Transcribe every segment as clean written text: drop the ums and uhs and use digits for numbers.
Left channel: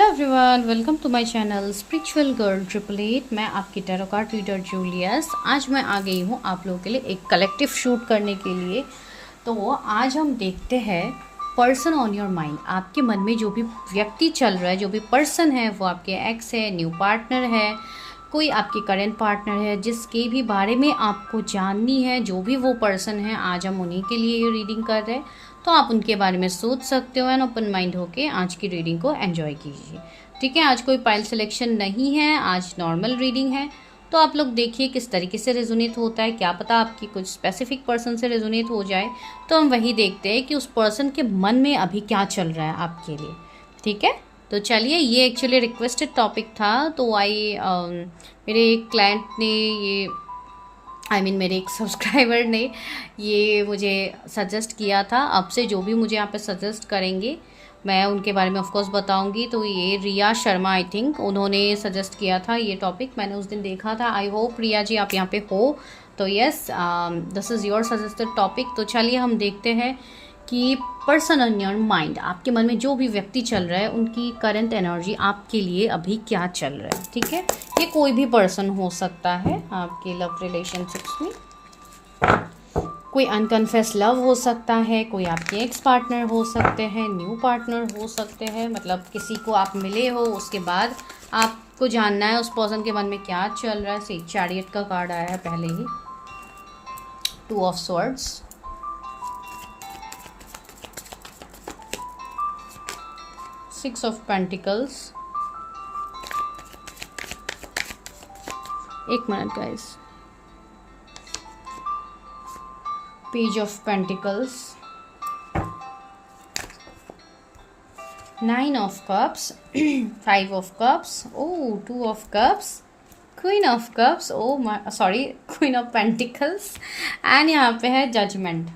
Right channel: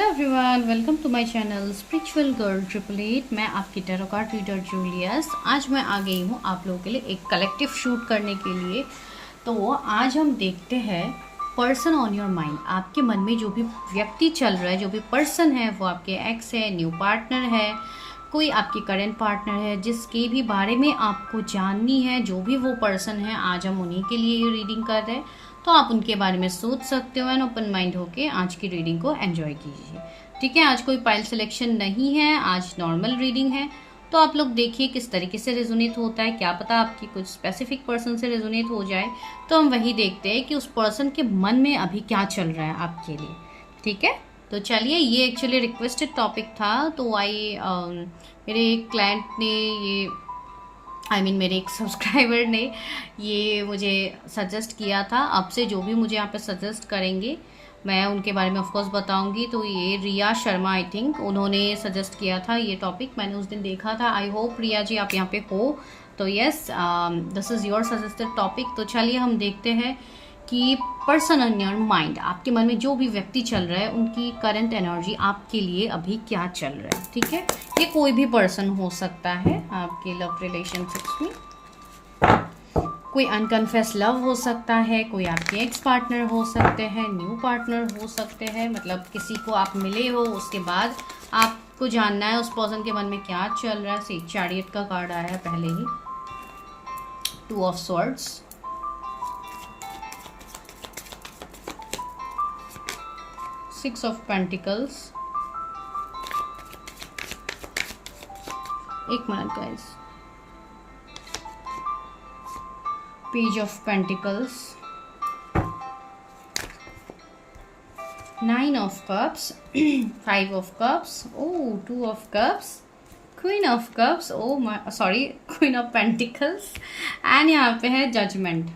Hello everyone, welcome to my channel spiritual girl 888। मैं आपकी tarot card reader Julius. आज मैं आ गई हूँ आप लोगों के लिए एक कलेक्टिव शूट करने के लिए। तो आज हम देखते हैं पर्सन ऑन योर माइंड। आपके मन में जो भी व्यक्ति चल रहा है, जो भी पर्सन है, वो आपके एक्स है, न्यू पार्टनर है, कोई आपके करंट पार्टनर है, जिसके भी बारे में आपको जाननी है, जो भी वो पर्सन है, आज हम उन्हीं के लिए ये रीडिंग कर रहे हैं। तो आप उनके बारे में सोच सकते हो एंड ओपन माइंड होके आज की रीडिंग को एंजॉय कीजिए। ठीक है, आज कोई पाइल सिलेक्शन नहीं है, आज नॉर्मल रीडिंग है। तो आप लोग देखिए किस तरीके से रेजोनेट होता है। क्या पता आपकी कुछ स्पेसिफिक पर्सन से रेजोनेट हो जाए। तो हम वही देखते हैं कि उस पर्सन के मन में अभी क्या चल रहा है आपके लिए। ठीक है, तो चलिए, ये एक्चुअली रिक्वेस्टेड टॉपिक था। तो मेरे एक क्लाइंट ने ये मेरे एक सब्सक्राइबर ने ये मुझे सजेस्ट किया था। अब से जो भी मुझे यहाँ पे सजेस्ट करेंगे मैं उनके बारे में ऑफकोर्स बताऊंगी। तो ये रिया शर्मा, आई थिंक उन्होंने सजेस्ट किया था ये टॉपिक। मैंने उस दिन देखा था। आई होप रिया जी आप यहाँ पे हो। तो yes, this is your suggested topic. तो चलिए हम देखते हैं कि पर्सन ऑन योर माइंड, आपके मन में जो भी व्यक्ति चल रहा है, उनकी करंट एनर्जी आपके लिए अभी क्या चल रहा है। ठीक है, ये कोई भी पर्सन हो सकता है आपके लव रिलेशनशिप्स में। कोई अनकन्फेस लव हो सकता है, कोई आपके एक्स पार्टनर हो सकते हैं, न्यू पार्टनर हो सकते हैं। मतलब किसी को आप मिले हो, उसके बाद आपको जानना है उस पर्सन के मन में क्या चल रहा है। से चैरियट का कार्ड आया है पहले ही, 2 ऑफ स्वॉर्ड्स, 6 ऑफ पेंटिकल्स। एक minute guys, page of pentacles, 9 of cups, 5 of cups, 2 of cups, queen of cups, sorry queen of pentacles, and यहाँ पे है जजमेंट।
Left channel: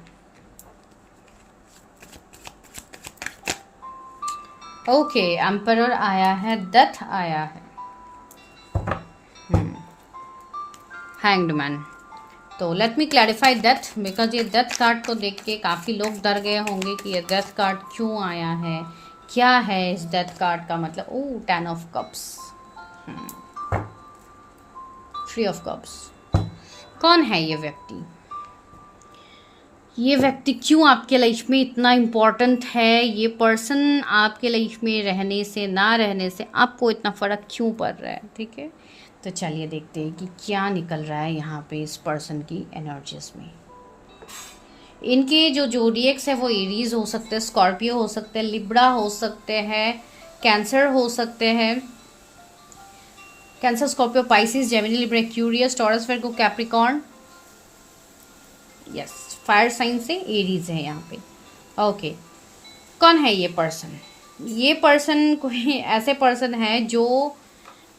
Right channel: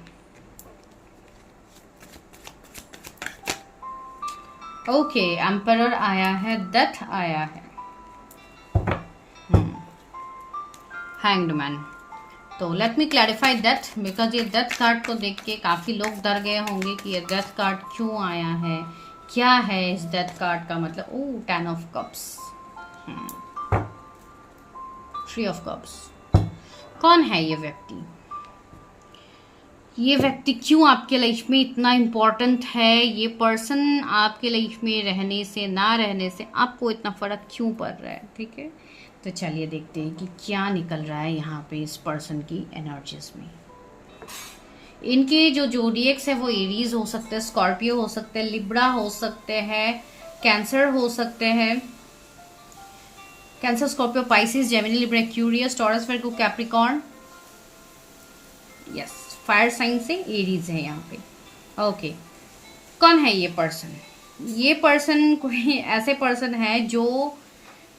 ओके, एम्परर आया है, डेथ आया है, हैंग्ड मैन। तो let me clarify death, because ये डेथ कार्ड को देख के काफ़ी लोग डर गए होंगे कि ये डेथ कार्ड क्यों आया है, क्या है इस डेथ कार्ड का मतलब। 10 ऑफ कप्स, 3 ऑफ कप्स। कौन है ये व्यक्ति? ये व्यक्ति क्यों आपके लाइफ में इतना इम्पोर्टेंट है? ये पर्सन आपके लाइफ में रहने से ना रहने से आपको इतना फ़र्क क्यों पड़ रहा है? ठीक है, तो चलिए देखते हैं कि क्या निकल रहा है यहाँ पे इस पर्सन की एनर्जीज में। इनके जो जोडिएक्स है वो एरीज हो सकते हैं, स्कॉर्पियो हो सकते हैं, लिब्रा हो सकते हैं, कैंसर हो सकते हैं। Cancer, Scorpio, Pisces, Gemini, Libra, Aquarius, Taurus, Virgo, Capricorn. Yes, fire sign से एरीज है यहाँ पे। ओके, कौन है ये पर्सन? ये पर्सन कोई ऐसे पर्सन है जो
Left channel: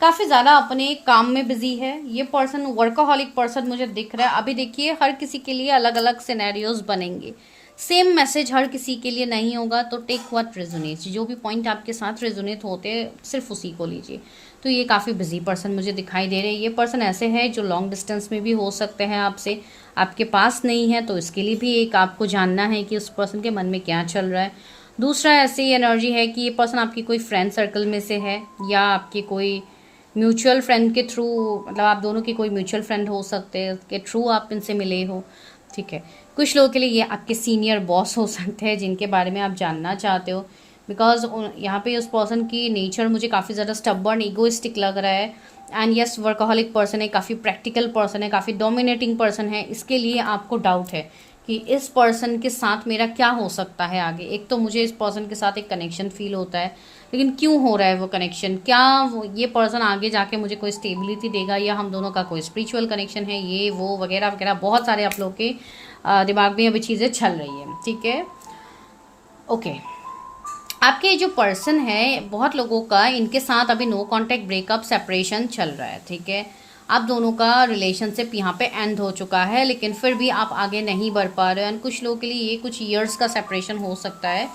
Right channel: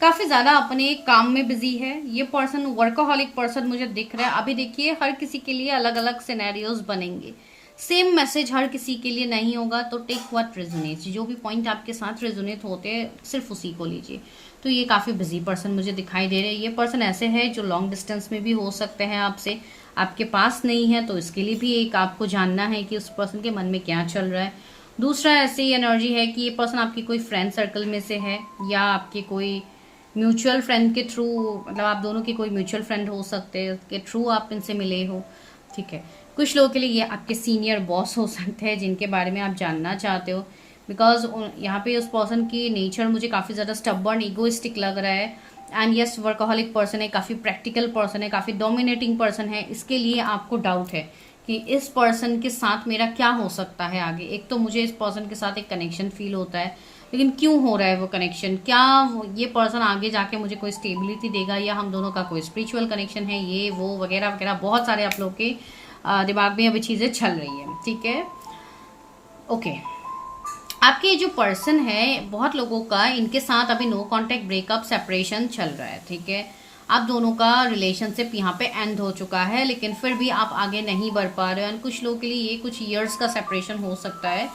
काफ़ी ज़्यादा अपने काम में बिजी है। ये पर्सन वर्कोहॉलिक पर्सन मुझे दिख रहा है। अभी देखिए, हर किसी के लिए अलग अलग सिनेरियोज बनेंगे, सेम मैसेज हर किसी के लिए नहीं होगा। तो टेक व्हाट रेजोनेट्स, जो भी पॉइंट आपके साथ रेजोनेट होते हैं सिर्फ उसी को लीजिए। तो ये काफ़ी बिजी पर्सन मुझे दिखाई दे रहे हैं। ये पर्सन ऐसे है जो लॉन्ग डिस्टेंस में भी हो सकते हैं आपसे, आपके पास नहीं है, तो इसके लिए भी एक आपको जानना है कि उस पर्सन के मन में क्या चल रहा है। दूसरा, ऐसी एनर्जी है कि ये पर्सन आपकी कोई फ्रेंड सर्कल में से है, या आपके कोई म्यूचुअल फ्रेंड के थ्रू, मतलब आप दोनों के कोई म्यूचुअल फ्रेंड हो सकते हैं, के थ्रू आप इनसे मिले हो। ठीक है, कुछ लोगों के लिए ये आपके सीनियर बॉस हो सकते हैं जिनके बारे में आप जानना चाहते हो। बिकॉज यहाँ पे उस पर्सन की नेचर मुझे काफ़ी ज़्यादा स्टबर्न, ईगोइस्टिक लग रहा है। एंड यस, वर्कोहॉलिक पर्सन है, काफ़ी प्रैक्टिकल पर्सन है, काफ़ी डोमिनेटिंग पर्सन है। इसके लिए आपको डाउट है कि इस पर्सन के साथ मेरा क्या हो सकता है आगे। एक तो मुझे इस पर्सन के साथ एक कनेक्शन फील होता है, लेकिन क्यों हो रहा है वो कनेक्शन? क्या ये पर्सन आगे जाके मुझे कोई स्टेबिलिटी देगा, या हम दोनों का कोई स्पिरिचुअल कनेक्शन है, ये वो वगैरह वगैरह। बहुत सारे आप लोग के दिमाग में अभी चीज़ें चल रही है। ठीक है, ओके। आपके जो पर्सन है, बहुत लोगों का इनके साथ अभी नो कॉन्टैक्ट, ब्रेकअप, सेपरेशन चल रहा है। ठीक है, आप दोनों का रिलेशनशिप यहाँ पे एंड हो चुका है, लेकिन फिर भी आप आगे नहीं बढ़ पा रहे हो। एंड कुछ लोगों के लिए ये कुछ ईयर्स का सेपरेशन हो सकता है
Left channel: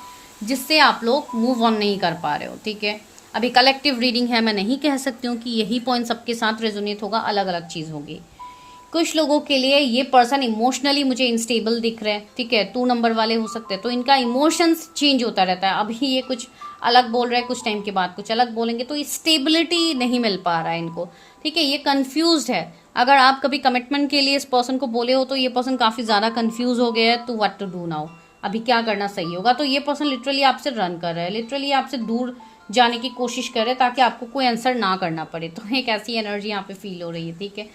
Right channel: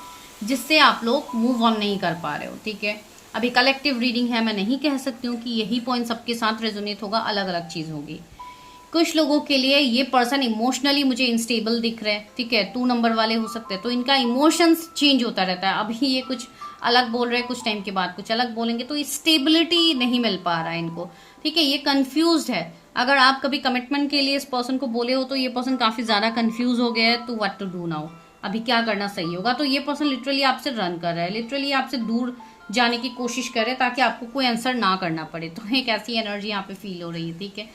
जिससे आप लोग मूव ऑन नहीं कर पा रहे हो। ठीक है, अभी कलेक्टिव रीडिंग है, मैं नहीं कह सकती हूँ कि यही पॉइंट सबके साथ रेजोनेट होगा, अलग अलग चीज़ होगी। कुछ लोगों के लिए ये पर्सन इमोशनली मुझे इंस्टेबल दिख रहा है। ठीक है, 2 नंबर वाले हो सकते हैं, तो इनका इमोशंस चेंज होता रहता है। अभी ये कुछ अलग बोल रहे हैं, कुछ टाइम के बाद कुछ अलग बोलेंगे, तो स्टेबिलिटी नहीं मिल पा रहा है इनको, ठीक है। ये कंफ्यूज्ड है। अगर आप कभी कमिटमेंट के लिए इस पर्सन को बोले हो तो ये पर्सन काफी ज्यादा कंफ्यूज हो गया है, तो व्हाट टू डू नाउ, अभी क्या करना सही होगा। तो ये पर्सन लिटरली आपसे रन कर रहा है, लिटरली आपसे दूर जाने की कोशिश कर रहे हैं ताकि आपको कोई आंसर ना करना पड़े। तो एक ऐसी एनर्जी यहाँ पे फील हो रही है, ठीक है।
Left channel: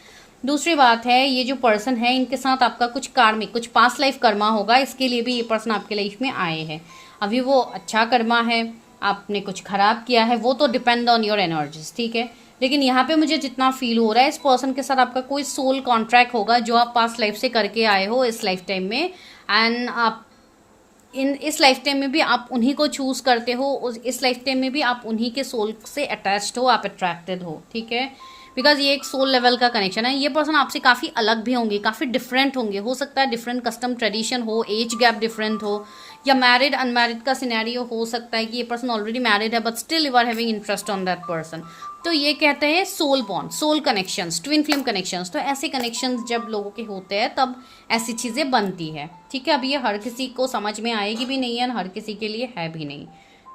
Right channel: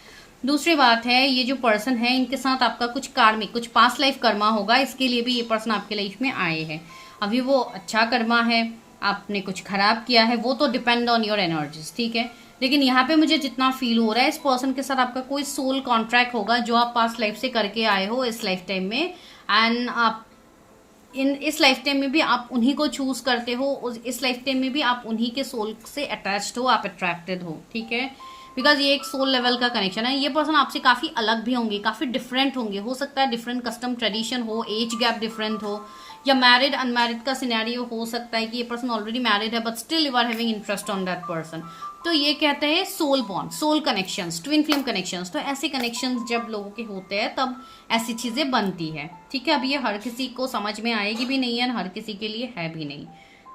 दूसरी बात है, ये जो पर्सन है इनके साथ आपका कुछ कार्मिक, कुछ पास्ट लाइफ कर्मा होगा, इसके लिए भी ये पर्सन आपके लाइफ में आए हैं। अभी वो अच्छा कर्मा है, आपने कुछ खराब किया है, वो तो डिपेंड ऑन योर एनर्जीज, ठीक है। लेकिन यहाँ पे मुझे जितना फील हो रहा है, इस पर्सन के साथ आपका कोई सोल कॉन्ट्रैक्ट होगा जो आप पास्ट लाइफ से करके आए हो इस लाइफ टाइम में, एंड आप इस लाइफ टाइम में भी आप उन्हीं को चूज करते हो, इस लाइफ टाइम में भी आप उन्हीं के सोल से अटैच्ड हो, आप अट्रैक्टेड हो, ठीक है। बिकॉज ये एक सोल लेवल का कनेक्शन है। ये पर्सन आपसे काफी अलग भी होंगे, काफी डिफरेंट होंगे, हो सकता है डिफरेंट कस्टम ट्रेडिशन हो, एज गैप डिफरेंट हो, या मैरिड अनमैरिड का सिनेरियो हो सकता है कि ये पर्सन ऑलरेडी मैरिड है but still you are having interest on that person. तो ये कहते हैं soul bond, soul connections, twin flame connections. तो ऐसे कनेक्शंस जब लोगों के होते हैं तब ऐसी चीजें बनती है, ठीक है। अब ये हर किसी को समझ में आएगी भी नहीं है, हर किसी के लिए है भी नहीं,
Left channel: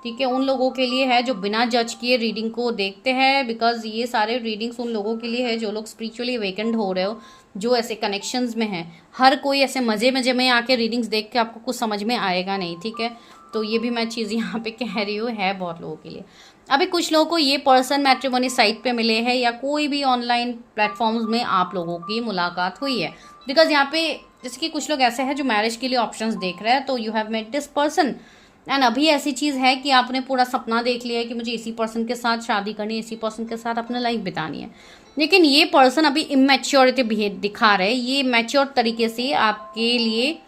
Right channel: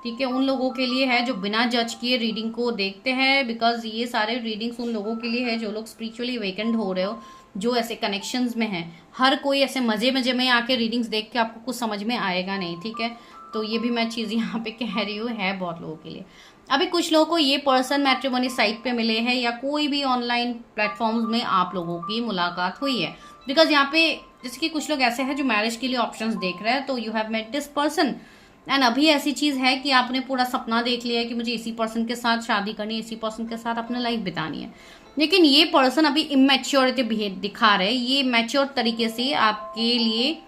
ठीक है। उन लोगों के लिए है जो बिना जज किए रीडिंग को देखते हैं, बिकॉज ये सारे रीडिंग्स उन लोगों के लिए है जो लोग स्पिरिचुअली अवेकेंड हो रहे हो, जो ऐसे कनेक्शंस में है। हर कोई ऐसे मजे मजे में आके रीडिंग्स देख के आपको कुछ समझ में आएगा नहीं, ठीक है। तो ये भी मैं चीज़ यहाँ पे कह रही हूँ, है बहुत लोगों के लिए। अभी कुछ लोगों को ये पर्सन मैट्रिमोनी साइट पे मिले हैं या कोई भी ऑनलाइन प्लेटफॉर्म्स में आप लोगों की मुलाकात हुई है, बिकॉज यहाँ पे जैसे कि कुछ लोग ऐसे हैं जो मैरिज के लिए ऑप्शंस देख रहे हैं, तो you have met this person, and अभी ऐसी चीज है कि आपने पूरा सपना देख लिया है कि मुझे इसी पर्सन के साथ शादी करनी है, इसी पर्सन के साथ अपना लाइफ बितानी है। लेकिन ये पर्सन अभी इमेच्योरिटी बिहेव दिखा रहे हैं, ये मैच्योर तरीके से आपके लिए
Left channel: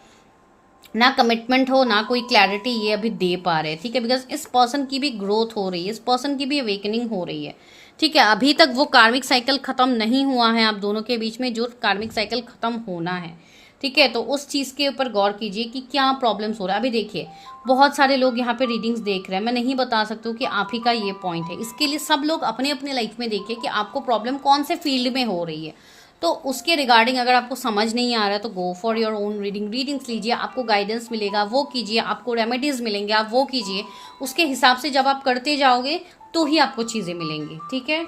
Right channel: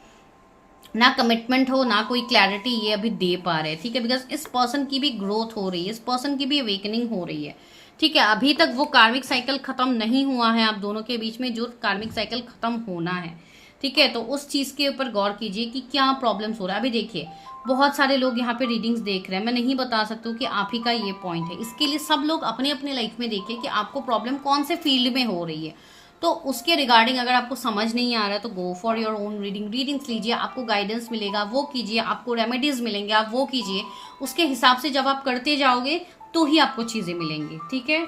ना कमिटमेंट हो ना कोई क्लैरिटी ये अभी दे पा रहे हैं, ठीक है। बिकॉज इस पर्सन की भी ग्रोथ हो रही है, इस पर्सन की भी अवेकनिंग हो रही है, ठीक है। अभी तक वो कार्मिक साइकिल खत्म नहीं हुआ है आप दोनों के बीच में, जो कार्मिक साइकिल खत्म होना है, ठीक है। तो उस चीज के ऊपर गौर कीजिए कि क्या प्रॉब्लम्स हो रहा है। अभी देखिए बहुत सारे लोग यहाँ पे रीडिंग्स देख रहे हैं, मैं नहीं बता सकती हूँ कि आप ही का ये पॉइंट है। इसके लिए सब लोग अपने अपने लाइफ में देखिए कि आपको प्रॉब्लम कौन से फील्ड में हो रही है, तो उसके रिगार्डिंग अगर आपको समझ नहीं आ रहा है तो go for your own readings लीजिए, आपको गाइडेंस मिलेगा वो कीजिए, आपको रेमेडीज मिलेंगे आप वो कीजिए। उसके हिसाब से जब आप करते जाओगे तो ही आपको चीजें मिलेंगी, ठीक है।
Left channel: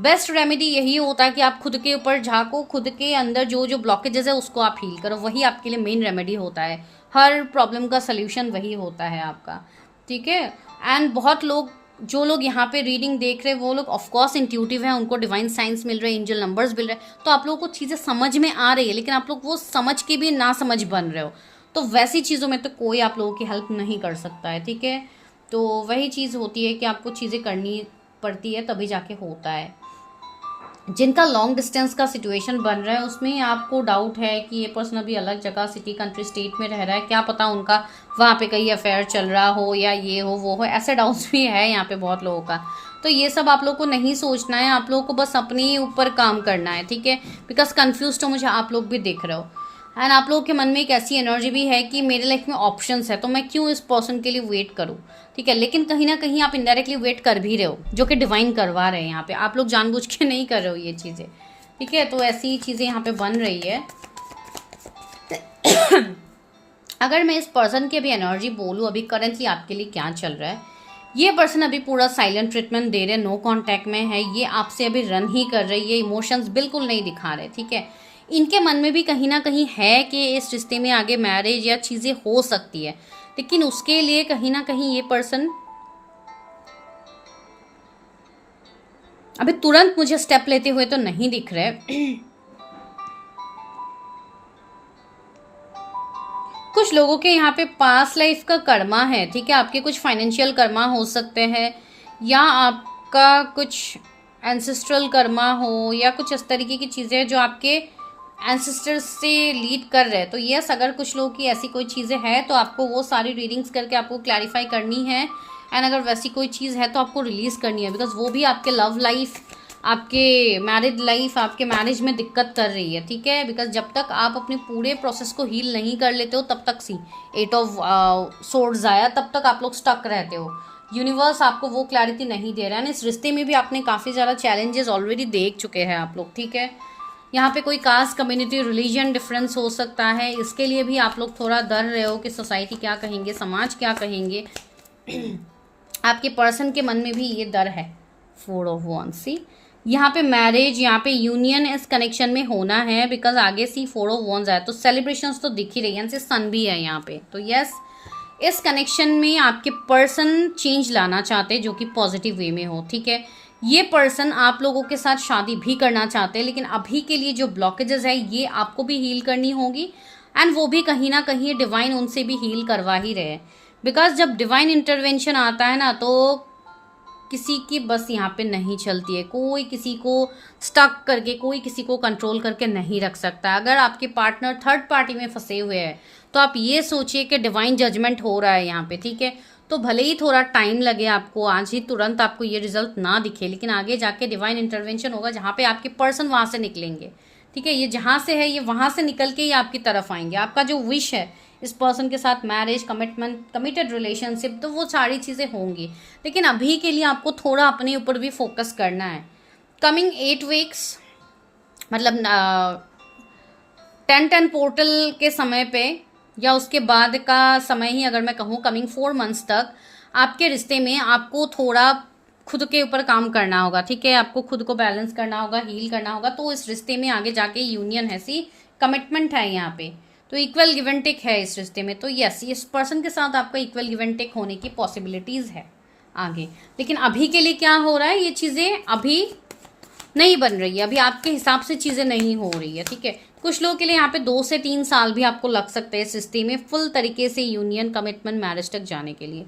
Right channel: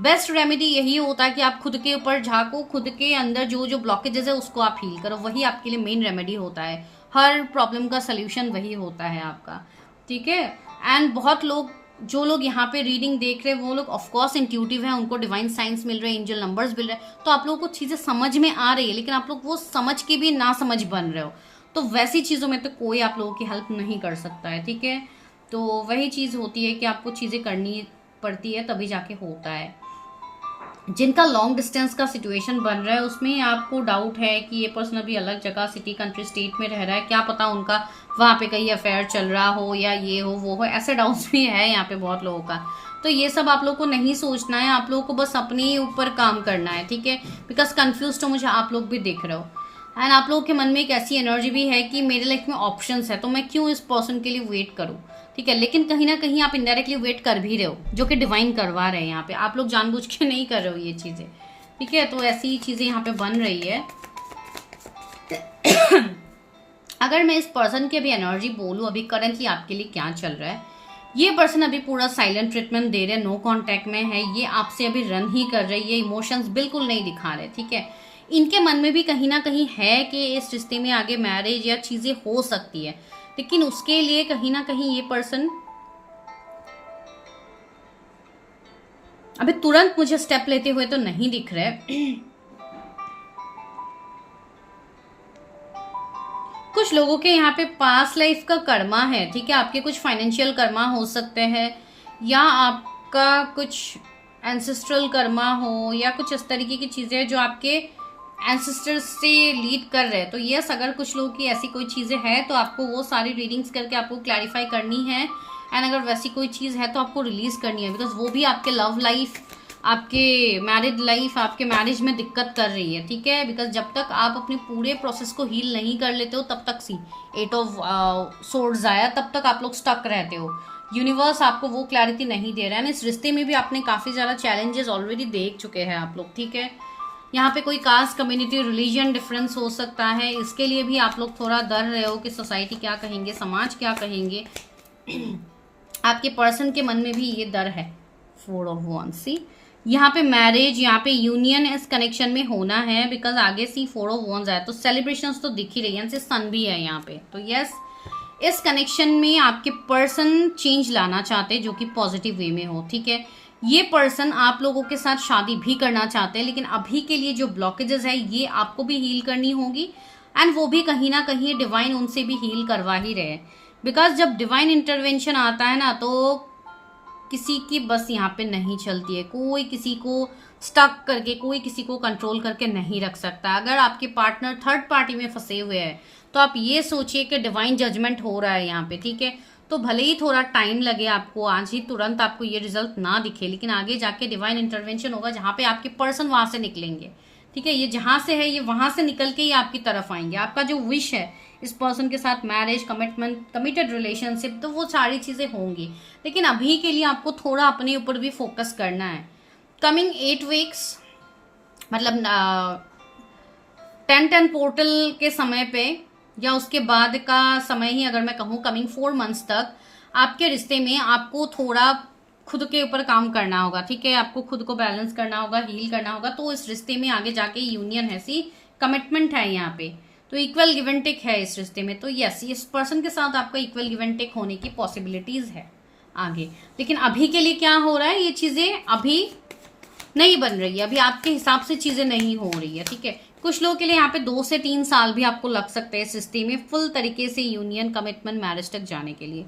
बेस्ट रेमेडी यही होता है कि आप खुद के ऊपर झांको, खुद के अंदर जो जो ब्लॉकेजेस है उसको आप हील करो, वही आपके लिए मेन रेमेडी होता है। हर प्रॉब्लम का सोल्यूशन वही होता है आपका, ठीक है। एंड बहुत लोग, जो लोग यहाँ पे रीडिंग देख रहे हैं वो लोग ऑफकोर्स इंट्यूटिव है, उनको डिवाइन साइंस मिल रहे हैं, एंजल नंबर्स मिल रहे हैं, तो आप लोगों को चीजें समझ में आ रही है, लेकिन आप लोग वो समझ के भी ना समझ बन रहे हो, तो वैसी चीजों में तो कोई आप लोगों की हेल्प नहीं कर सकता है, ठीक है। तो वही चीज होती है कि आपको चीजें करनी पड़ती है तभी जाके होता है। जिनका लॉन्ग डिस्टेंस का सिचुएशन बन रहा है उसमें आपको डाउट है कि ये पर्सन अभी अलग जगह, सिटी, कंट्री, स्टेट में रह रहा है, क्या पता उनका वहाँ पे कहीं अफेयर चल रहा हो या ये हो वो हो, ऐसे डाउट्स भी है यहाँ पे बहुत लोगों का। तो ये सब आप लोग को नहीं सोचना है, आप लोगों को बस अपने ऊपर काम करना है, ठीक है। बिकॉज कन्फ्यूज तो मुझे आप लोग भी दिख रहे हो, एंड आप लोगों के मन में एक ऐसी एनर्जी भी है कि मेरे लाइफ में ऑप्शंस है तो मैं क्यों इस पर्सन के लिए वेट करूं, ठीक है। लेकिन कहीं ना कहीं आप इनडायरेक्टली वेट कर भी रहे हो, जो कि डिवाइन करवा रहे हैं यहाँ पे, आप लोग जानबूझ के नहीं कर रहे हो ये चीजें, ठीक है। तो ऐसी चीजें यहाँ पे बन रही है। अगर मैं इस पर्सन की अभी एनर्जी बोलूँ, अभी करेंटली आपके लिए क्या चल रहा है, ये पर्सन अभी पूरा साइलेंट ट्रीटमेंट दे रहे, नो कांटेक्ट में है, ये आपसे अभी रन ही कर रही है, इमोशंस बिल्कुल नहीं दिखा रहे, ठीक है। इनके मन में भी कहीं ना कहीं है कि इस रिश्ते में आगे मैरिज या चीजें हो सकती है, लेकिन उसके लिए कहीं ना कहीं ये पर्सन अभी तुरंत मुझे स्टेप लेते हुए तो नहीं दिख रहे। कुछ लोगों के यहाँ पे पास्ट लाइफ का कर्मा है, ठीक है। आपके कुछ फाइनेंशियल कर्मा हो सकते हैं, या आपका कुछ एंसेस्ट्रल कर्मा हो, या कुछ इस तरीके की चीजें जो आपके एंसेस्टर्स से लीड कर रहे हैं। तो यस, अगर कुछ लोगों की ऐसी कोई चीजें हैं तो आपको वो सारी रीडिंग्स करके आपको क्लैरिफाई करनी है, एंड अगर वैसी कोई चीज है तो आपको रिलीज करनी है, बिकॉज वो भी आपके लव लाइफ, आपके मैरिड लाइफ, आपके मैरिज में दिक्कत कर रही है, ठीक है। बिकॉज जब तक आप अपने पूरे प्रोसेस को हील नहीं कर लेते हो तब तक सी 8 ऑफ सोर्ड्स आया, तब तक आप लोग स्टक रहते हो। यूनिवर्स आपको वो क्लैरिटी नहीं दे रहा है। इस रिश्ते में भी आपने काफी ज्यादा चैलेंजेस ऑलरेडी देख चुके हैं आप लोग, ठीक है। यहाँ पे कोई कास्ट, कम्युनिटी, रिलीजन डिफरेंस हो सकता है, इसके लिए भी आप लोग थोड़ा डर रहे हो कि सोसाइटी क्या कहेंगे, समाज क्या कहेंगे। आपके पर्सन के मन में भी ये डर है। 4 ऑफ wands, सी यहाँ पे मैरिज, यहाँ पे यूनियन इस कनेक्शन में होना है, बिकॉज आगे सी 4 ऑफ wands आया तो सेलिब्रेशंस तो दिख ही रही है, सन भी है यहाँ पे। तो यस, इस कनेक्शन में आपके पर्सन चेंज लाना चाहते हैं जो कि पॉजिटिव वे में हो, ठीक है। ये पर्सन आप लोगों के साथ शादी भी करना चाहते हैं, लेकिन अभी के लिए जो ब्लॉकेजेस है ये आपको भी हील करनी होगी, एंड वो भी कहीं ना कहीं डिवाइन उनसे भी हील करवा ही रहे, बिकॉज जब डिवाइन इंटरवेंशन आता है ना तो किसी की बस यहाँ पे नहीं चलती है। कोई किसी को स्टक करके, कोई किसी को कंट्रोल करके नहीं रख सकता। अगर आपके पार्टनर थर्ड पार्टी में फंसे हुए हैं तो आप ये सोचिए कि डिवाइन जजमेंट हो रहा है यहाँ पे, ठीक है। तो भले ही थोड़ा टाइम लगे आपको, आज ही तुरंत आपको ये रिजल्ट ना दिखे, लेकिन आगे जाके डिवाइन इंटरवेंशन होगा जहाँ पे आपके पर्सन वहां से निकलेंगे, ठीक है। ये जहां से है ये वहां से निकल के ही आपकी तरफ आएंगे। आपका जो विश है इस पर्सन के साथ मैरिज, कमिटमेंट, कमिटेड रिलेशनशिप, तो वो सारी चीजें होंगी, लेकिन अभी के लिए आपको थोड़ा अपने ऊपर भी फोकस करना है। कमिंग 8 वीक्स मतलब 10-10 पोर्टल के समय पे या उसके बाद का समय ही अगर मैं कहूँ, कमिंग 4 मंथ्स तक आपके रिश्ते में आपको थोड़ा खुद के ऊपर काम करना होगा, ठीक है। आपको खुद को बैलेंस करना होगा, हील करना होगा। तो इस रिश्ते में आगे जाके यूनियन है, सी कमिटमेंट है यहाँ पे, तो इक्वल गिव एंड टेक है इस रिश्ते में। तो यस, इस पर्सन के साथ आपका इक्वल गिव एंड टेक होने की पॉसिबिलिटीज है आगे, लेकिन अभी के लिए क्या हो रहा है, ये चीजें अभी नहीं बन रही है, अभी आपके हिसाब से चीजें नहीं हो रही है, ठीक है। कुछ लोगों के लिए यहाँ पे 2 से 3 साल भी आपको लग सकते हैं इस रिश्ते में फुल तरीके से यूनियन, कमिटमेंट, मैरिज तक जाने के लिए।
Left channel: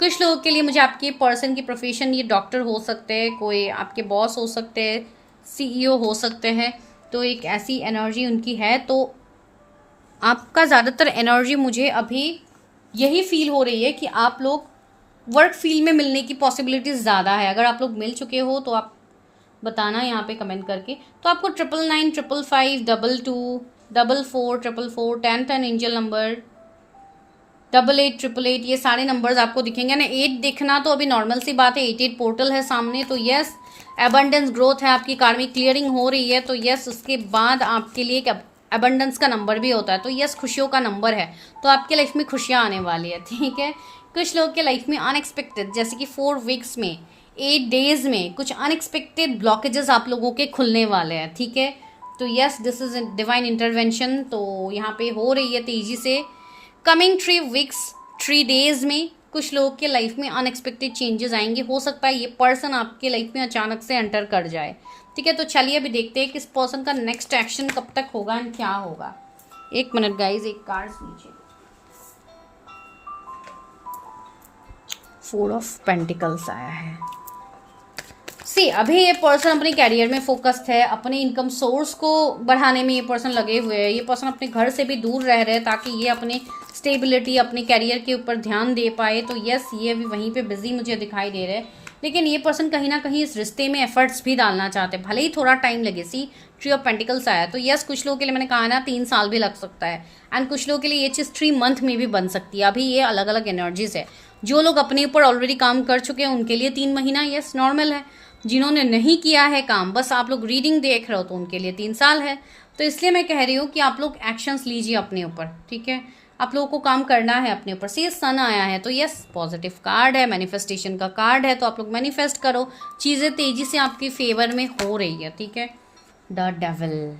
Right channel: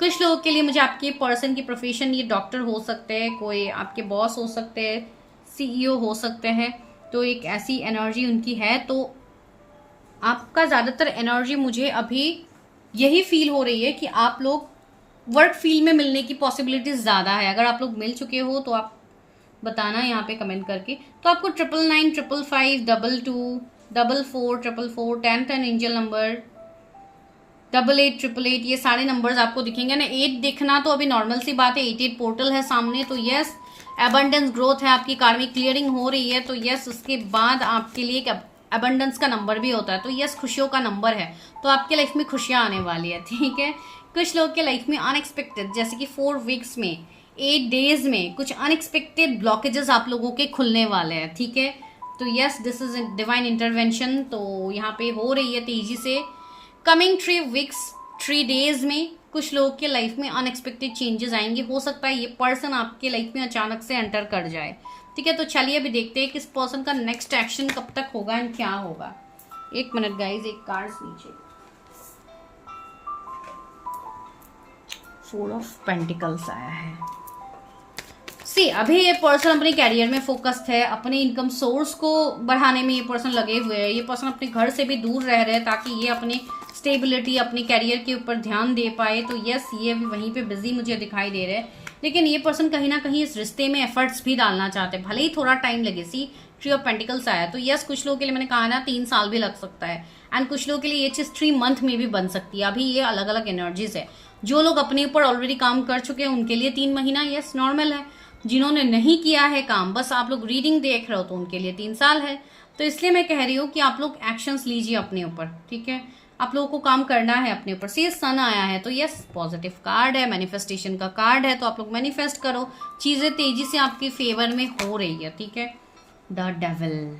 कुछ लोगों के लिए मुझे आपके पर्सन की प्रोफेशन, ये डॉक्टर हो सकते हैं, कोई आपके बॉस हो सकते हैं, सीईओ हो सकते हैं, तो एक ऐसी एनर्जी उनकी है। तो आपका ज़्यादातर एनर्जी मुझे अभी यही फील हो रही है कि आप लोग वर्क फील्ड में मिलने की पॉसिबिलिटीज ज़्यादा है। अगर आप लोग मिल चुके हो तो आप बताना यहाँ पे कमेंट करके। तो आपको 999, 555, 22, 44, 444, 1010 एंजल नंबर, 88, 888, ये सारे नंबर्स आपको दिखेंगे ना। 8 दिखना तो अभी नॉर्मल सी बात है, 88 पोर्टल है सामने। तो यस, एबंडेंस ग्रोथ है, आपकी कार्मिक क्लियरिंग हो रही है। तो यस, उसके बाद आपके लिए एक एबंडेंस का नंबर भी होता है, तो यस, खुशियों का नंबर है। तो आपके लाइफ में खुशियां आने वाली है, ठीक है। कुछ लोग के लाइफ में अनएक्सपेक्टेड, जैसे कि 4 वीक्स में, 8 डेज में कुछ अनएक्सपेक्टेड ब्लॉकेजेस आप लोगों के खुलने वाले हैं, ठीक है। तो yes, this is divine intervention, तो यहाँ पे हो रही है तेजी से। कमिंग 3 वीक्स, 3 डेज में कुछ लोगों के लाइफ में अनएक्सपेक्टेड चेंजेस आएंगे। हो सकता है ये पर्सन आपके लाइफ में अचानक से एंटर कर जाए, ठीक है। तो चलिए अभी देखते हैं कि इस पर्सन का नेक्स्ट एक्शन कब तक होगा एंड क्या होगा। 1 मिनट गाइज, एक कार्ड नीचे। 4 ऑफ पेंटिकल्स आया है। सी, अभी ये पर्सन अपने कैरियर में फोकस्ड है, अपने इनकम सोर्स को बढ़ाने में ये पर्सन लगे हुए हैं। ये पर्सन अपने घर से भी दूर रह रहे हैं ताकि ये अपने स्टेबिलिटी, अपने कैरियर के ऊपर ध्यान दे पाए। तो यस, ये भी वहीं पे बिजी मुझे दिखाई दे रहे हैं, लेकिन ये पर्सन कहीं ना कहीं इस रिश्ते में एफर्ट्स भी डालना चाहते हैं, भले ही थोड़ा टाइम लगे। सी, 3 ऑफ पेंटिकल्स आया। तो यस, कुछ लोगों के लिए मैंने कहा ना 3 साल भी लग सकता है, एंड कुछ लोगों के लिए ये चीज़ 3 मंथ में भी बन सकती है। अभी ये अलग अलग एनर्जीज है। जो लोग अपने ऊपर ऑलरेडी काम कर चुके हैं उनके लिए 3 महीना यस नॉर्मल है। जिन्होंने नहीं किया है काम, बस आप लोग रीडिंग देख रहे हो, तो उनके लिए 3 साल है। तो इसलिए मैं कह रही हूँ कि आप लोग एक्शंस लीजिए अपने ऊपर, ठीक है। आप लोगों को काम करना है अपने ऊपर। से सन आया है, तो यस, पॉजिटिव कार्ड है, मैनिफेस्टेशन का कार्ड है। तो आप लोग मैनिफेस्ट करो, चीजें तेजी से आपके फेवर में हो रही है, ठीक है। द डेविल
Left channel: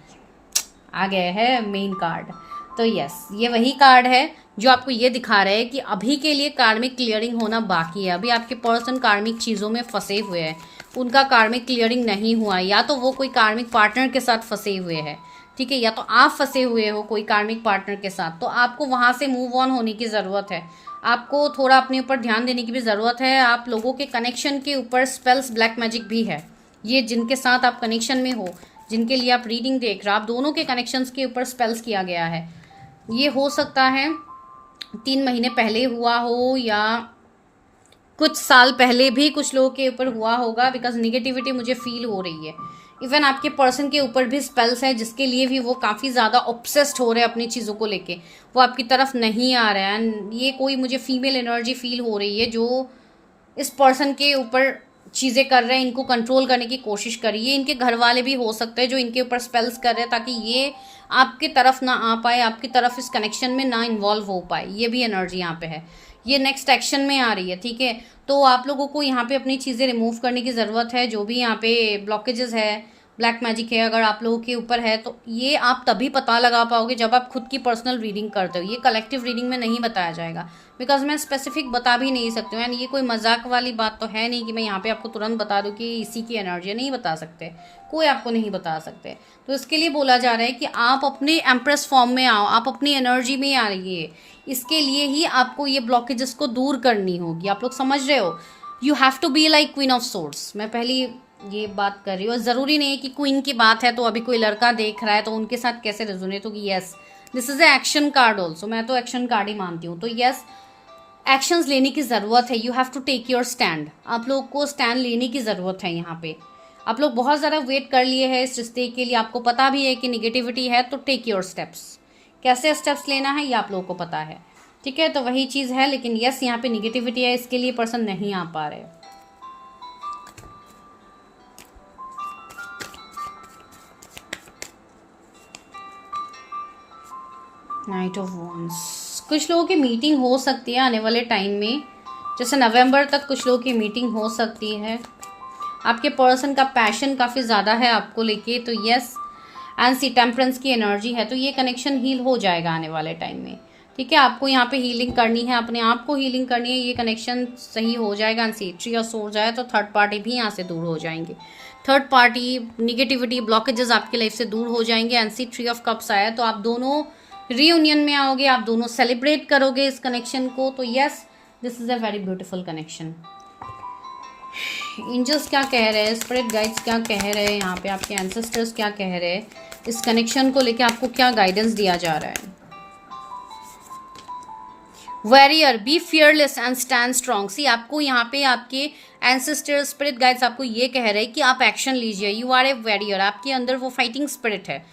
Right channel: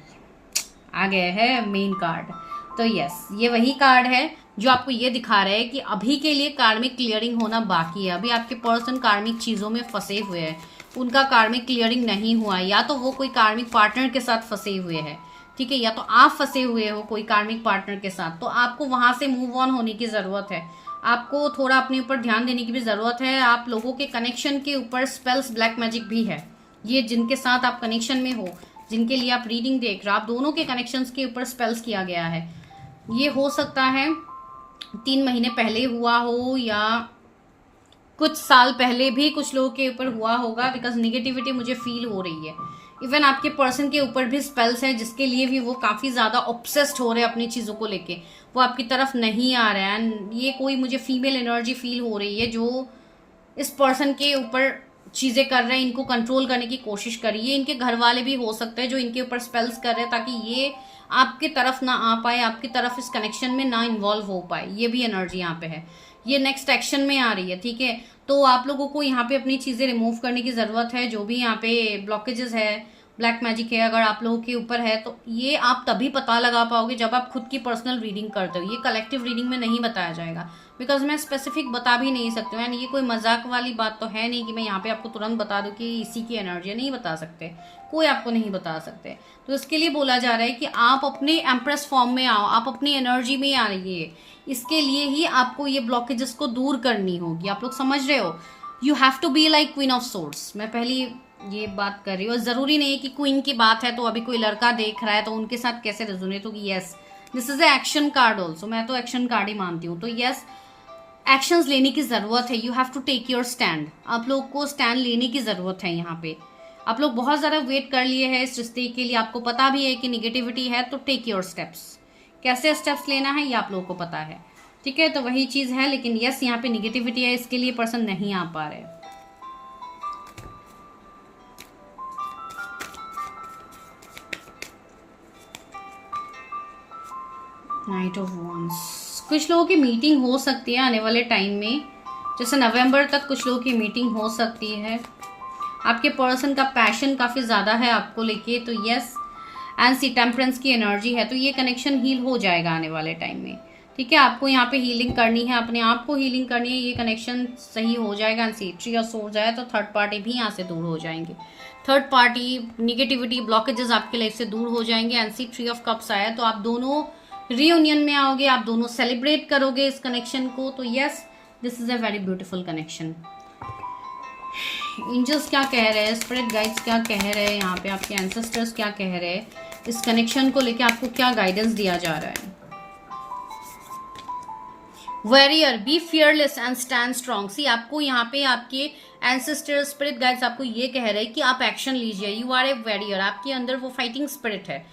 आ गया है मेन कार्ड। तो यस, ये वही कार्ड है जो आपको ये दिखा रहा है कि अभी के लिए कार्मिक क्लियरिंग होना बाकी है। अभी आपके पर्सन कार्मिक चीजों में फंसे हुए हैं, उनका कार्मिक क्लियरिंग नहीं हुआ, या तो वो कोई कार्मिक पार्टनर के साथ फंसे हुए हैं, ठीक है, या तो आप फंसे हुए हो कोई कार्मिक पार्टनर के साथ। तो आपको वहां से मूव ऑन होने की जरूरत है, आपको थोड़ा अपने ऊपर ध्यान देने की भी जरूरत है। आप लोगों के कनेक्शन के ऊपर स्पेल्स, ब्लैक मैजिक भी है। ये जिनके साथ आप कनेक्शन में हो, जिनके लिए आप रीडिंग देख रहे हो, आप दोनों के कनेक्शंस के ऊपर स्पेल्स किया गया है। ये हो सकता है 3 महीने पहले हुआ हो, या कुछ साल पहले भी कुछ लोगों के ऊपर हुआ होगा, बिकॉज निगेटिविटी मुझे फील हो रही है। इवन आपके पर्सन के ऊपर भी स्पेल्स है, जिसके लिए भी वो काफी ज्यादा ऑब्सेस्ड हो रहे हैं अपनी चीजों को लेके, वो आपकी तरफ नहीं आ रहे हैं। एंड ये कोई मुझे फीमेल एनर्जी फील हो रही है जो इस पर्सन के ऊपर चीजें कर रहे हैं, इनको कंट्रोल करने की कोशिश करिए। इनके घर वाले भी हो सकते हैं जो इनके ऊपर स्पेल्स कर रहे हैं, ताकि ये आपकी तरफ ना आ पाए, आपकी तरफ इस कनेक्शन में ना इन्वॉल्व हो पाए। ये भी एनर्जी यहाँ पे है, ये नेक्स्ट एक्शन में आ रही है, ठीक है। तो आप लोगों को यहाँ पे अपनी चीज़ें रिमूव करने की ज़रूरत है। जो भी यहाँ पे ब्लॉकेजेस है, ब्लैक मैजिक है, अगर आप लोगों के ऊपर है तो ये आप तभी पता लगा पाओगे जब आप खुद की पर्सनल रीडिंग करते हो। ये कलेक्टिव रीडिंग में नहीं बताया जाएगा, बिकॉज मैं स्पेसिफिक बता भी नहीं सकती हूँ। एंड ये कोई मजाक वाली बात तो है नहीं कि मैं यहाँ पे आपको तुरंत बता दूँ कि इसी की एनर्जी नहीं बता सकते, कोई आपको नहीं बता सकते। तो इसके लिए बोला जा रहा है कि आप अपने एम्प्रेस फॉर्म में आओ, आप अपनी एनर्जी में आ रही। इसके लिए ही आपको ये ब्लॉकेजेस को दूर करनी होगी। आप लोग समझ रहे हो? You have to be like queen of swords. मैं पहली ये बात कर रही हूँ। ज़रूरी नहीं है कि क्वीन की बात है तो अभी कोई लड़का देख रहा है तो उनके साथ कैसे रेजोनेट होगी। Yes, this is a action card also. मैं तो एक्शन कार्ड ही मानती हूँ। तो यस, एक्शंस लेने की ज़रूरत है। You have to take your stand. आप लोग को स्टैंड लेने की ज़रूरत है। यहाँ पे आप लोग बहुत ज़्यादा वेट कर लिए हैं इस रिश्ते के लिए। आपको पता भी है कि निगेटिविटी है, तो टेक योर स्टेप्स। कैसे स्टेप्स लेना है ये आप लोगों को पता है, ठीक है? तो वही चीज़ है। लेकिन यस, यहाँ पे निगेटिविटी है, इसके लिए पर्सन नहीं आ पा रहे। Night of wands. कुछ लोगों की मीटिंग हो सकती है आने वाले टाइम में, जैसे नवंबर तक कुछ लोगों की मीटिंग हो सकती है। आपके पर्सन का पैशन काफ़ी ज़्यादा है आपको लेके, तो यस। एंड सी टेम्परेंस की एनर्जी है, तो ये कनेक्शन हील हो जाएगा आने वाले टाइम में, ठीक है? आपको यहाँ पे हीलिंग करनी है, अपने आप को हीलिंग करनी है। ये कनेक्शन सही हो जाएगा। And see three of swords जाए तो थर्ड पार्टी भी यहाँ से दूर हो जाएंगे। थर्ड पार्टी, निगेटिविटी, ब्लॉकेजेस आपके लाइफ से दूर हो जाएंगे। And see three of cups आया तो आप दोनों रीयूनियन में आओगे, आप दोनों सेलिब्रेट करोगे इस कनेक्शन को। तो yes, this is a very beautiful connection. Angels क्या कह रहे हैं, स्पिरिट गाइड्स क्या कह रहे हैं, यहाँ पे आपके एंसेस्टर्स क्या कह रहे हैं, इस कनेक्शन को लेके आपको क्या गाइडेंस दिया जा रहा है? Warrior, be fearless and stand strong. See आपको यहाँ पे आपके एंसेस्टर्स, स्पिरिट गाइड्स आपको ये कह रहे हैं कि आप एक्शन लीजिए। यू आर ए वॉरियर, आपके अंदर वो फाइटिंग स्पिरिट है,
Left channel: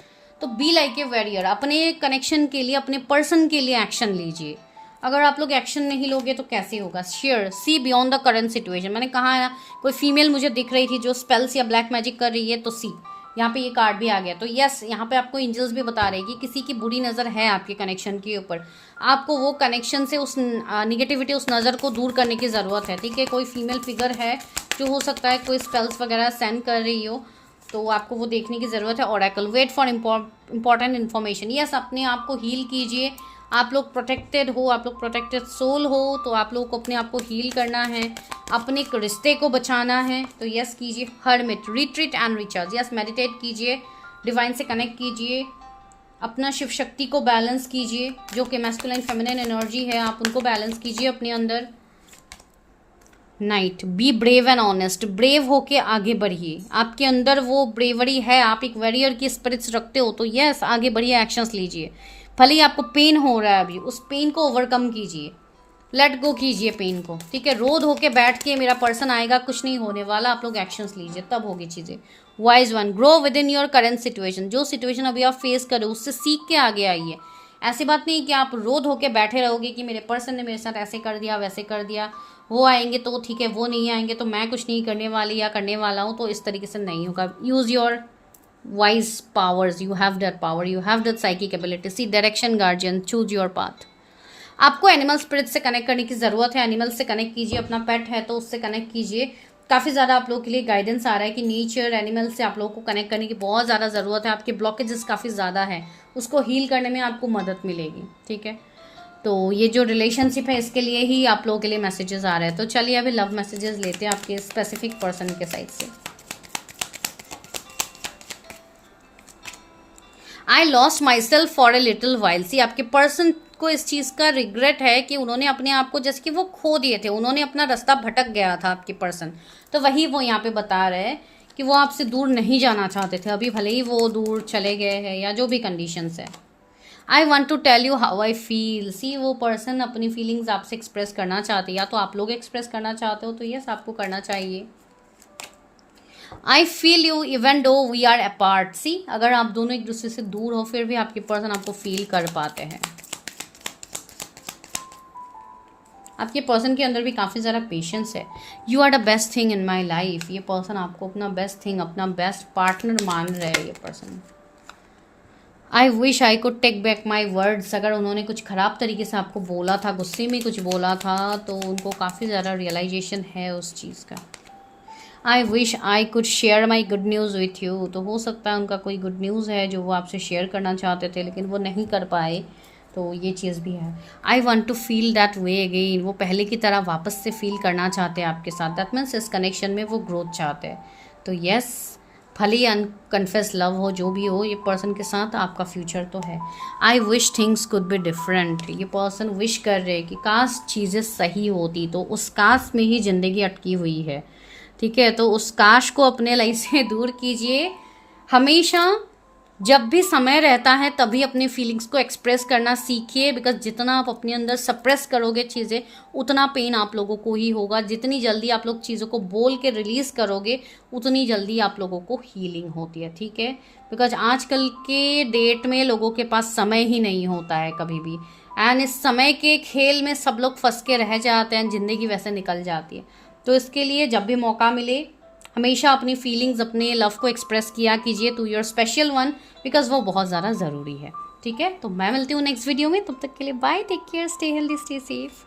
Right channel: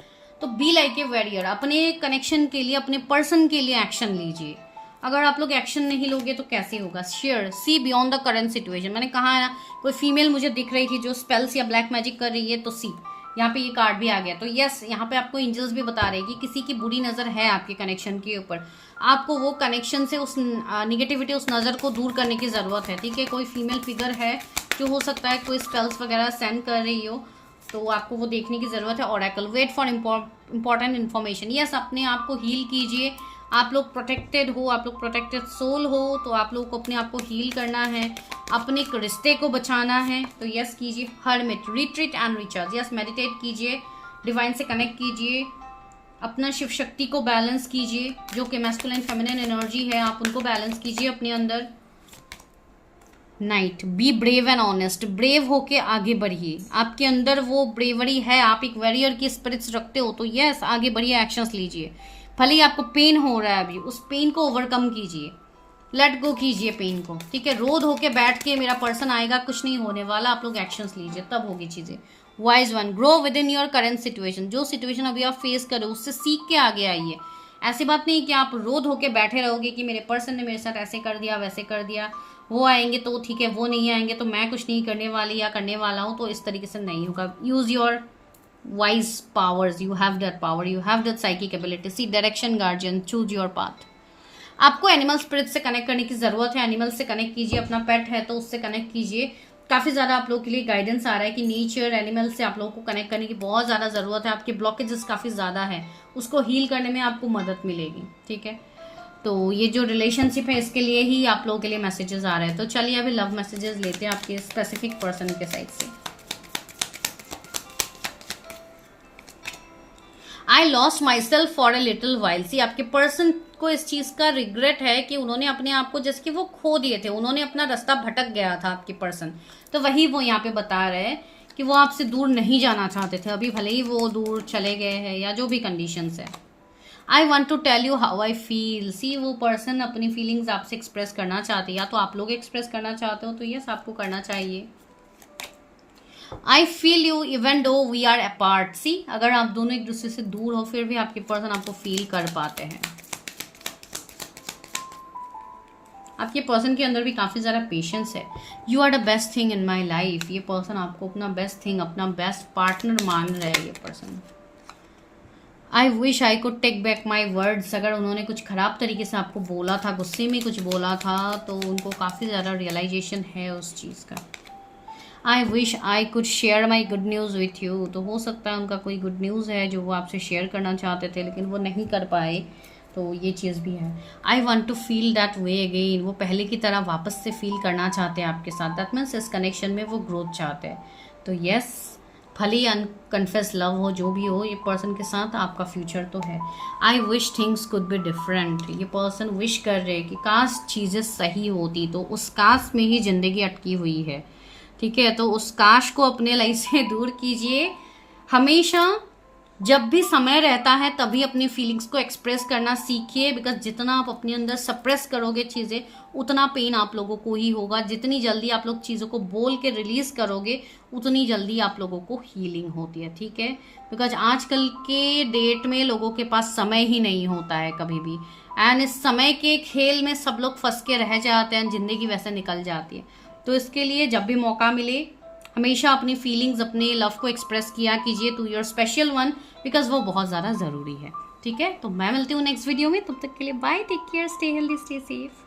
तो बी लाइक ए वॉरियर। अपने कनेक्शन के लिए, अपने पर्सन के लिए एक्शन लीजिए। अगर आप लोग एक्शन नहीं लोगे तो कैसे होगा? Share, see beyond the current situation. मैंने कहा है ना, कोई फीमेल मुझे दिख रही थी जो स्पेल्स या ब्लैक मैजिक कर रही है, तो सी यहाँ पे ये कार्ड भी आ गया। तो यस, यहाँ पे आपको एंजल्स भी बता रहे हैं कि किसी की बुरी नज़र है आपके कनेक्शन के ऊपर। आपको वो कनेक्शन से उस निगेटिविटी, उस नज़र को दूर करने की ज़रूरत है, ठीक है? कोई फीमेल फिगर है जो हो सकता है कोई स्पेल्स वगैरह सेंड कर रही हो, तो आपको वो देखने की ज़रूरत है। Oracle, wait for important information. Yes, अपने आप को हील कीजिए। आप लोग प्रोटेक्टेड हो, आप लोग प्रोटेक्टेड सोल हो, तो आप लोगों को अपने आप को हील करना है, अपने रिश्ते को बचाना है। तो यस कीजिए। Hermit, retreat and recharge. Yes, meditate कीजिए, डिवाइन से कनेक्ट कीजिए, अपना शिव शक्ति को बैलेंस कीजिए। जो कि मैस्कुलिन फेमिनिन एनर्जी है, आप उनको बैलेंस कीजिए अपने अंदर। Night, be brave and honest. Brave होके आगे बढ़िए। आपके अंदर वो ब्रेवरी है, आप एक वॉरियर की स्पिरिट्स रखते हो, तो यस आगे बढ़िए, एक्शंस लीजिए। भले ही आपको पेन हो रहा है अभी, उस पेन को ओवरकम कीजिए, लेट गो कीजिए पेन को, ठीक है? रोध होके बैठ के मेरा पर्सन आएगा, कुछ नहीं होने वाला, आप लोग एक्शंस लीजिए, तब होगी चीज़ें। Wise one, grow with in your current situation. जो सिचुएशन अभी आप फेस करो उससे सीख के आगे आइए। ऐसी बात नहीं कि आप रोध होके बैठे रहोगे कि मेरे पर्सन ने मेरे साथ ऐसे कर दिया, वैसे कर दिया, वो आएंगे तो ठीक है, वो नहीं आएंगे तो मैं कुछ नहीं करने वाली या करने वाला हूँ, तो इस तरीके से नहीं होगा। Use your wise powers, you have that power, you have that psychic ability. See direction guardian, choose your path. आपको एनिमल स्पिरिट से कनेक्ट करने की ज़रूरत है। एनिमल से कनेक्ट कीजिए, अपना पेट है तो उससे कनेक्ट कीजिए। काफ़ी ज़्यादा आप लोगों के लिए गाइडेंस आ रहा है कि नेचर, एनिमल से आप लोगों को कनेक्ट करने की बहुत ज़्यादा ज़रूरत है। आपके ब्लॉकेजेस काफ़ी ज़्यादा है, उसको हील करने में आपको मदद मिलेगी, ठीक है? तो ये जो रिलेशनशिप है इसके लिए ही आप लोगों के लिए मैसेजेस आ रहे हैं। तो चलिए अभी लव मैसेजेस लेते हैं आपके स्पेसिफिक पर्सन के साइड से। I lost myself for a little while. See आपके पर्सन को इस चीज़ का रिग्रेट है कि उन्होंने अपने आप को, जैसे कि वो खो दिए थे, उन्होंने अपना रास्ता भटक गया था आपके पर्सन। तो वही वो यहाँ पे बता रहे हैं कि वो आपसे दूर नहीं जाना चाहते थे, अभी भले ही वो दूर चले गए हैं या जो भी कंडीशंस है। I want to tell you how I feel. See वो पर्सन अपनी फीलिंग्स आपसे एक्सप्रेस करना चाहते हैं, या तो आप लोग एक्सप्रेस करना चाहते हो, तो यस आपको करना चाहिए। I feel you even though we are apart. See अगर आप दोनों एक दूसरे से दूर हो फिर भी आपके पर्सन आपको फील कर पाते हैं। आपके पर्सन के अंदर भी काफ़ी ज़्यादा पेशेंस है। You are the best thing in my life. ये पर्सन आपको अपना बेस्ट थिंग, अपना बेस्ट पार्टनर मान रहा है ये person. I wish I could take back my words. अगर उन्होंने कुछ ख़राब तरीके से आपको बोला था, गुस्से में कुछ बोला था, तो उनको काफ़ी ज़्यादा रियलाइजेशन है उस चीज़ का। आई wish I could share my good news with you. तो हो सकता है उनका कोई गुड न्यूज़ है जो वो आपसे शेयर करना चाहते थे लेकिन वो नहीं कर पाए, तो ये चीज़ भी है। I want to feel that way again. वो पहले की तरह वापस से फील करना चाहते हैं आपके साथ। दैट मीन्स इस कनेक्शन में वो ग्रोथ चाहते हैं। तो येस, भले ही अनकन्फेस लव हो, जो भी हो, ये पर्सन के साथ आपका फ्यूचर तो है। I wish things could be different. ये पर्सन विश कर रहे हैं कि काश चीज़ें सही होती, तो उस काश में ही ज़िंदगी अटकी हुई है। ठीक है, तो उस काश को अपने लाइफ से दूर कीजिए। हमेशा जब भी समय रहता है तभी अपनी फीलिंग्स को एक्सप्रेस करना सीखिए, बिकॉज जितना आप अपने अंदर सप्रेस करोगे चीज़ें, उतना पेन आप लोगों को ही होगा। जितनी जल्दी आप लोग चीज़ों को बोल के रिलीज करोगे, उतनी जल्दी आप लोगों को हीलिंग होती है। ठीक है, बिकॉज आजकल के डेट में लोगों के पास समय ही नहीं होता है कभी भी, एंड इस समय के खेल में सब लोग फंस के रह जाते हैं, जिंदगी वैसे निकल जाती है। तो इसके लिए जब भी मौका मिले, हमेशा अपनी फीलिंग्स, अपने लव को एक्सप्रेस किया कीजिए to your special one, because वो बहुत ज़्यादा ज़रूरी है। ठीक है, तो मैं मिलती हूँ नेक्स्ट वीडियो में। तब तक के लिए bye, take care, stay healthy, stay safe.